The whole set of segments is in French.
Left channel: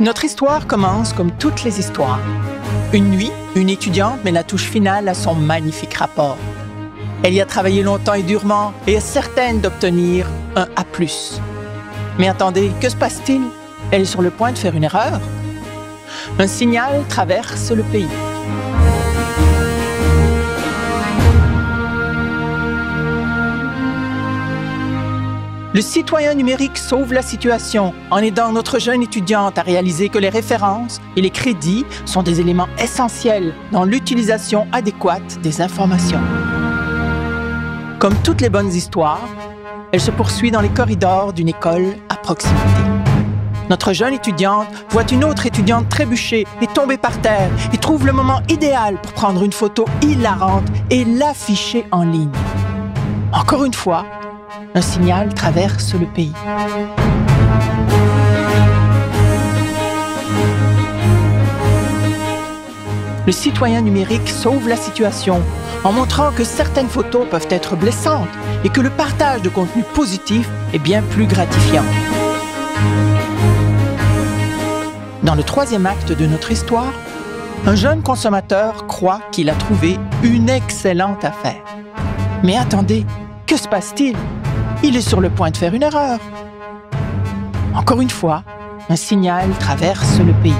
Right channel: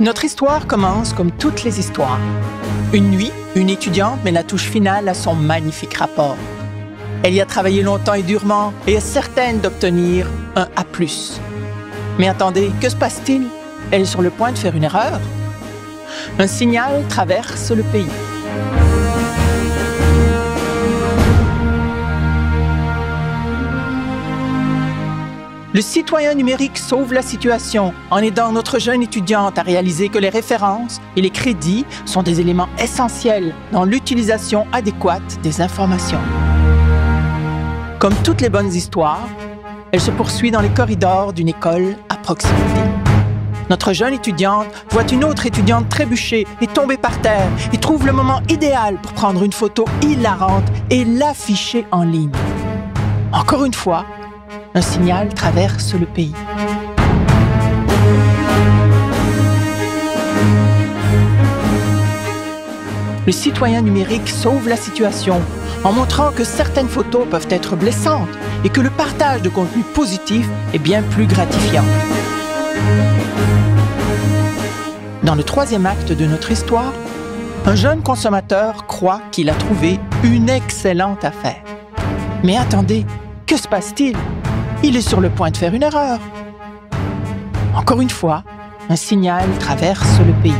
Notre histoire commence comme toutes les histoires. Une nuit, une étudiante met la touche finale à son magnifique rapport. Elle y a travaillé longtemps et durement et est certaine d'obtenir un A+. Mais attendez, que se passe-t-il? Elle est sur le point de faire une erreur. Un signal traverse le pays. Le citoyen numérique sauve la situation en aidant notre jeune étudiante à réaliser que les références et les crédits sont des éléments essentiels dans l'utilisation adéquate des informations. Comme toutes les bonnes histoires, elle se poursuit dans les corridors d'une école à proximité. Notre jeune étudiante voit une autre étudiante trébucher et tomber par terre et trouve le moment idéal pour prendre une photo hilarante et l'afficher en ligne. Encore une fois, un signal traverse le pays. Le citoyen numérique sauve la situation en montrant que certaines photos peuvent être blessantes et que le partage de contenu positif est bien plus gratifiant. Dans le troisième acte de notre histoire, un jeune consommateur croit qu'il a trouvé une excellente affaire. Mais attendez, que se passe-t-il? Il est sur le point de faire une erreur. Encore une fois, un signal traverse le pays.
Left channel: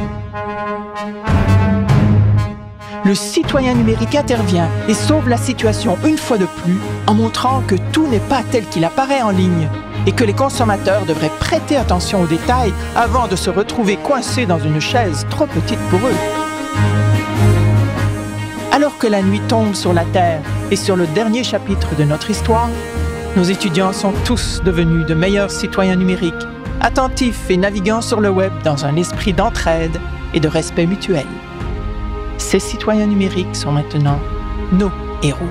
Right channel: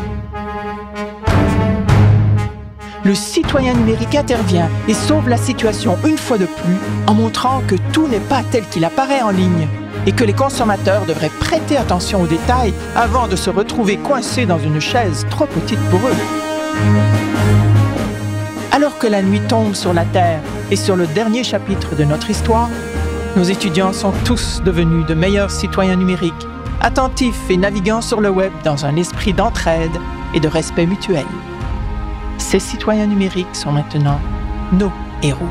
Le citoyen numérique intervient et sauve la situation une fois de plus en montrant que tout n'est pas tel qu'il apparaît en ligne et que les consommateurs devraient prêter attention aux détails avant de se retrouver coincés dans une chaise trop petite pour eux. Alors que la nuit tombe sur la Terre et sur le dernier chapitre de notre histoire, nos étudiants sont tous devenus de meilleurs citoyens numériques, attentifs et naviguant sur le web dans un esprit d'entraide et de respect mutuel. Ces citoyens numériques sont maintenant nos héros.